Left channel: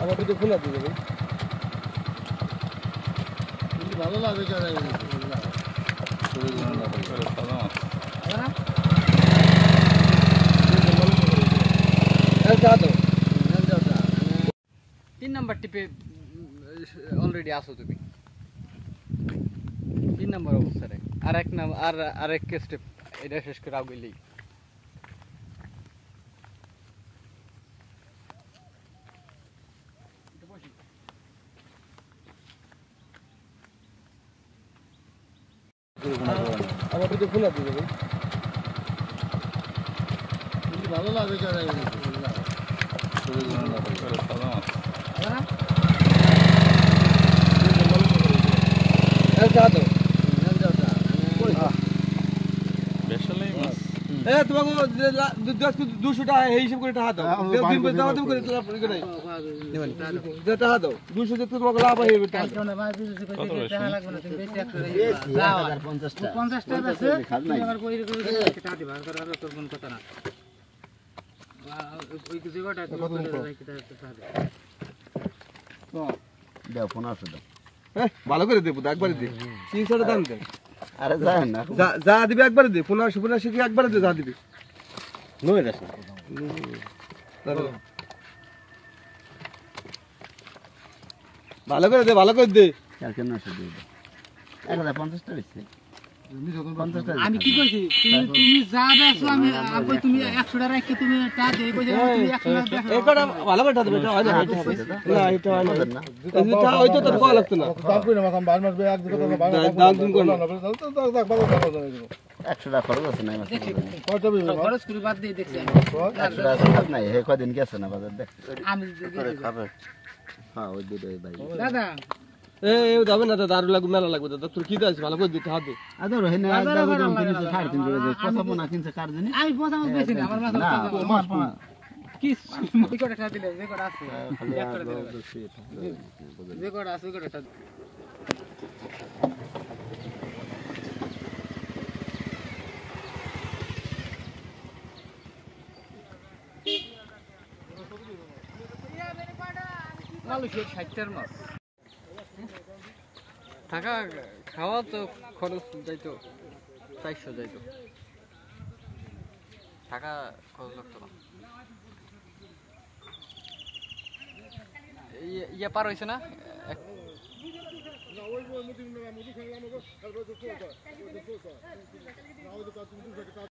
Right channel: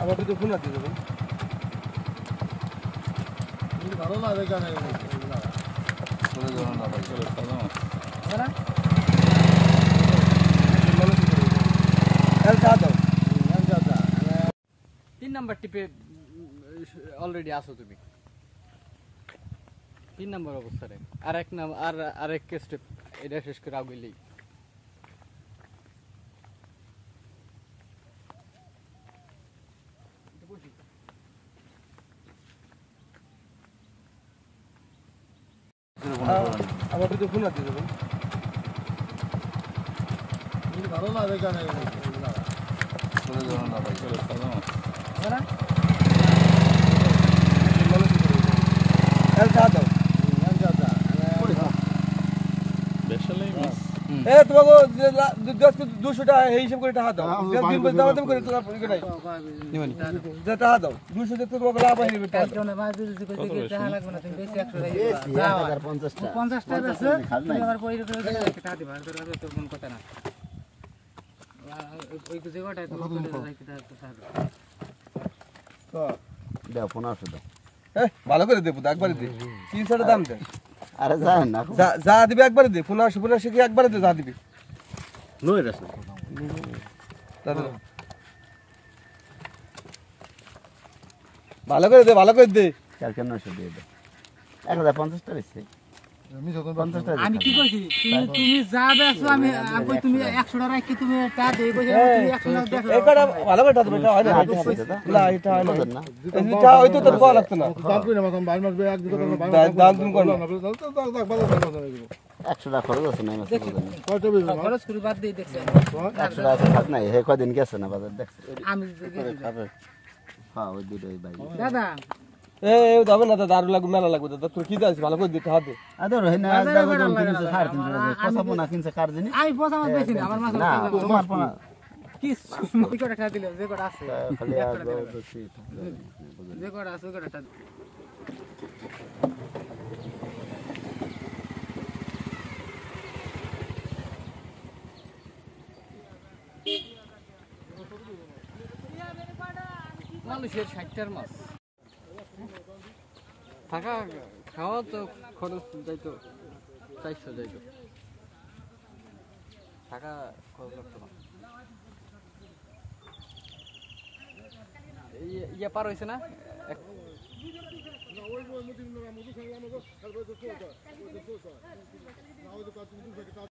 আমার কিন্তু খোলা দিয়ে দেবেন ভালো লাগবে জানাই তিন নাম্বার টিপে অলরেডি আসো তুমি তিন নাম্বার অবস্থায় আর এক নাম আর এক স্টেপ এটা শেষ করে আগেলেই আমার কিন্তু খোলা দিয়ে দেবেন ভালো লাগবে জানাই তোমাকে 200 টাকা হিসাব করে টাকা দাও 200 তোমাকে লাভ হয়ে টাকা ভালো করে দেবো একবারে দে 300 দাম দেয় আরে যান না যা দিবে একবারে দে 15 কি একবারে দে যা দিবে নয় রাস ভালো করে দে কেন না দিয়ে দে 1050 টাকা বেশি আমি কি কইছি তুমি যা দেখছো আমি আগে তুমি 100 টাকা রেখে তুমি টা দেই বলে তুমি 100 টাকা দেখো এটা ভালো করে টাকা দেবে এটা হয় না এটা হয় না এটা হয়তো তোর কল লাগতো না দাম কই না মাম 12 মাস এক দিকে দাম তুমি কই না 100 টাকা খরচ আছে না কত বিল খরচ করে বাদ দেই দেখছি 100 টাকা খরচ নাই হে কদিন গেছে না বাজার দেখছ আমি খাবে হ্যাঁ ওই দুটোই ভাই দাদা যাবে না দারু লাগবে মেলা লাগবে দাদা তোর কি দাস ভালো করে দিতে হবে আদর হয় না দাদা কিনছে 3.5 টাকা কত না কিনছে কার জানি আমি পয়সা আমার বেশি না আমার মাথা না কি কি করে টাকা দিলে যে করে আছে খালি আর যে করে আছে ওই করে টাকা মানুষের 60টার মাছ থাকা খাওয়া তো খরচ যাইতো 400 যাইতো টাকা খরচ লাগতো না ইয়া পার হয়েছে না